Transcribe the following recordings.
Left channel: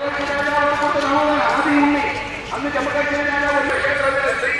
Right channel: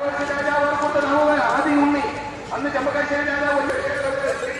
ಕೊ ರವಾದ ಆಧಿ ಉಮಕ್ರೆ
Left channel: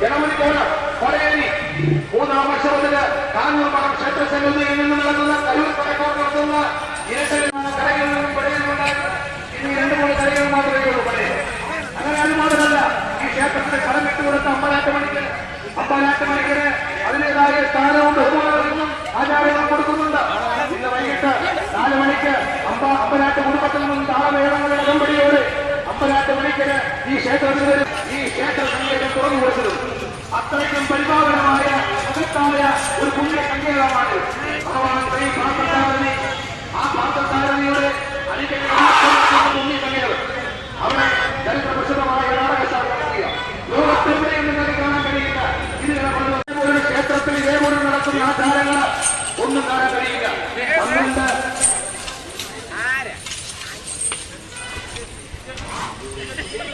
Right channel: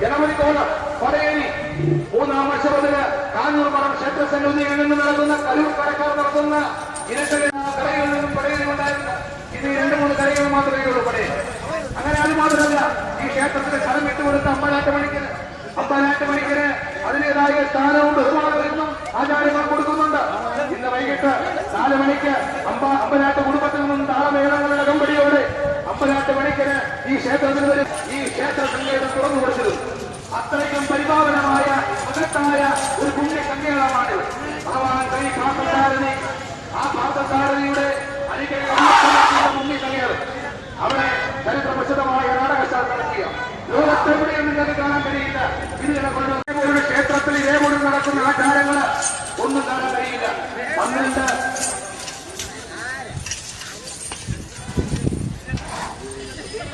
ജനമതി പോണ പറയേനി മൂന്നാമർഷത്തില് കാഞ്ഞൂർപ്പറം ക്ഷേത്ര സംഗതിയിൽ നിന്ന് നടത്തുന്ന കരൂർ പരക്കോർ നടത്തുന്ന ഇരട്ടിൽ കരയിൽ നിന്നും പടയിലുണ്ടായിരുന്നു ഇത് രണ്ടു മൂന്ന് കരകൾ മാത്രമേ ഉള്ളൂ പടയിൽ അങ്ങനെ അത് മാത്രമല്ല ഈ ക്ഷേത്രത്തിന്റെ കടം വിട്ടുകൊടുത്ത അമ്പലാറ്റ മണിക്ക് അമ്പലാറ്റ മണിക്കിന് അതിന്റേതായ സ്ഥാനവും ബഹുമാനങ്ങളും ആചാരങ്ങളും കൊടുക്കുന്നുണ്ട് ഇന്ന് വൈകിട്ട് നാല് മണിക്ക് അമ്പ അമ്പലാറ്റ ಈಗರ ಈಗಲೂ ಅತ್ರಕರ ಪರಿಭಾವನೇ ಭಗವಾನ್ ಕೈ ಮಾತ್ರ